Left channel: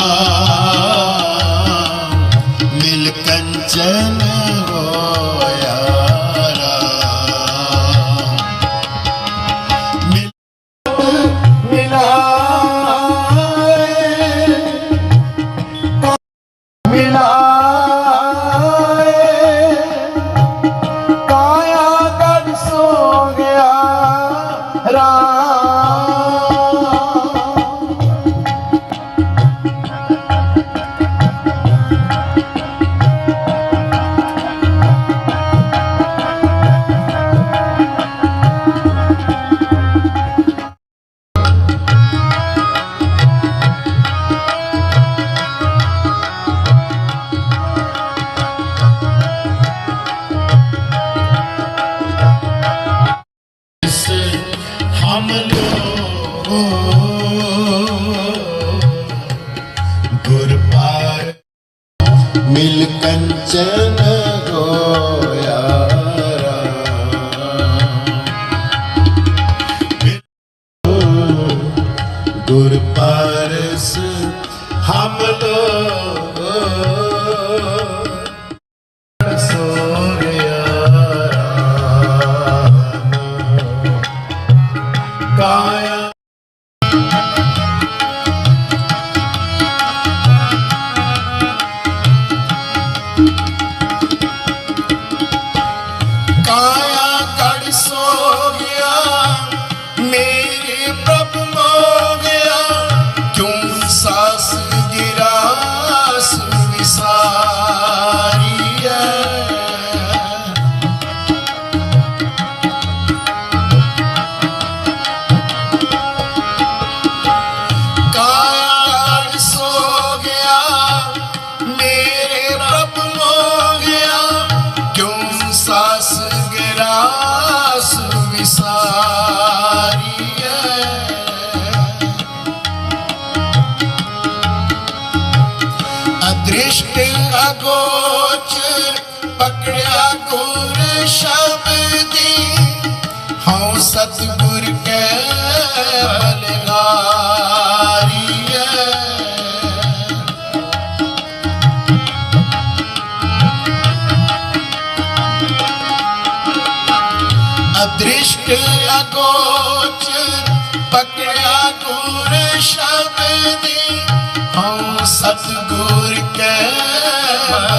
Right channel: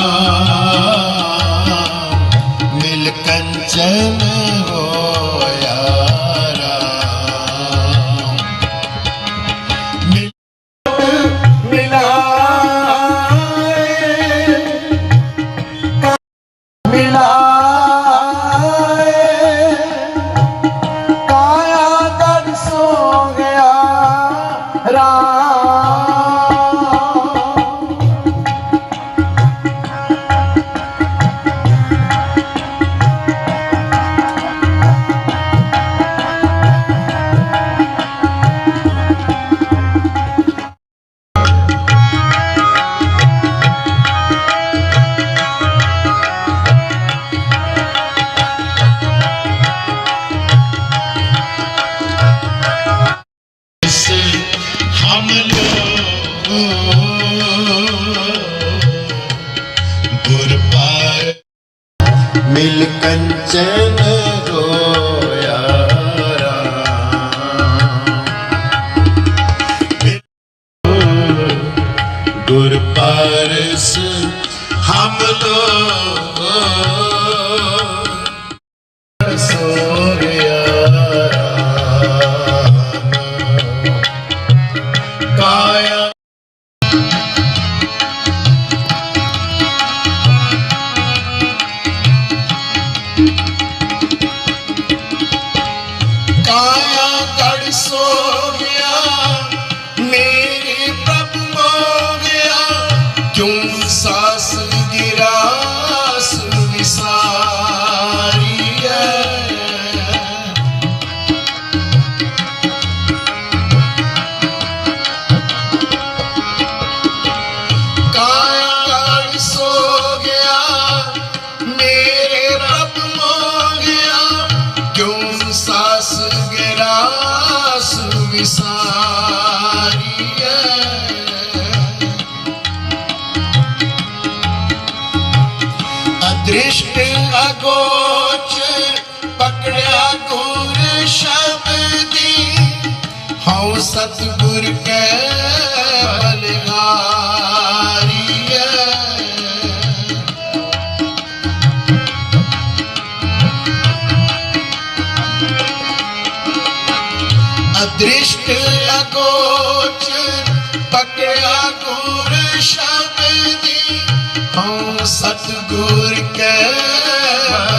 Uh... ਨਾਮ ਲਿਓ। ਗੁਰ ਪਾਰ ਮਿਲ ਕੰਚਨ ਹੋਇਆ ਗੁਰ ਪਾਰਸ ਹਮ ਲੋ हो गया ਅਦ੍ਰਿਸ਼ਟ ਅਗੋਚਰ ਪਕੜਿਆ ਗੁਰ ਸ਼ਬਦੀ ਹਉ ਸਤਿਗੁਰ ਕੈ ਬਲਗਾਰੀਐ ਅਦ੍ਰਿਸ਼ਟ ਅਗੋਚਰ ਪਕੜਿਆ ਗੁਰ ਸ਼ਬਦੀ ਹਉ ਸਤਿਗੁਰ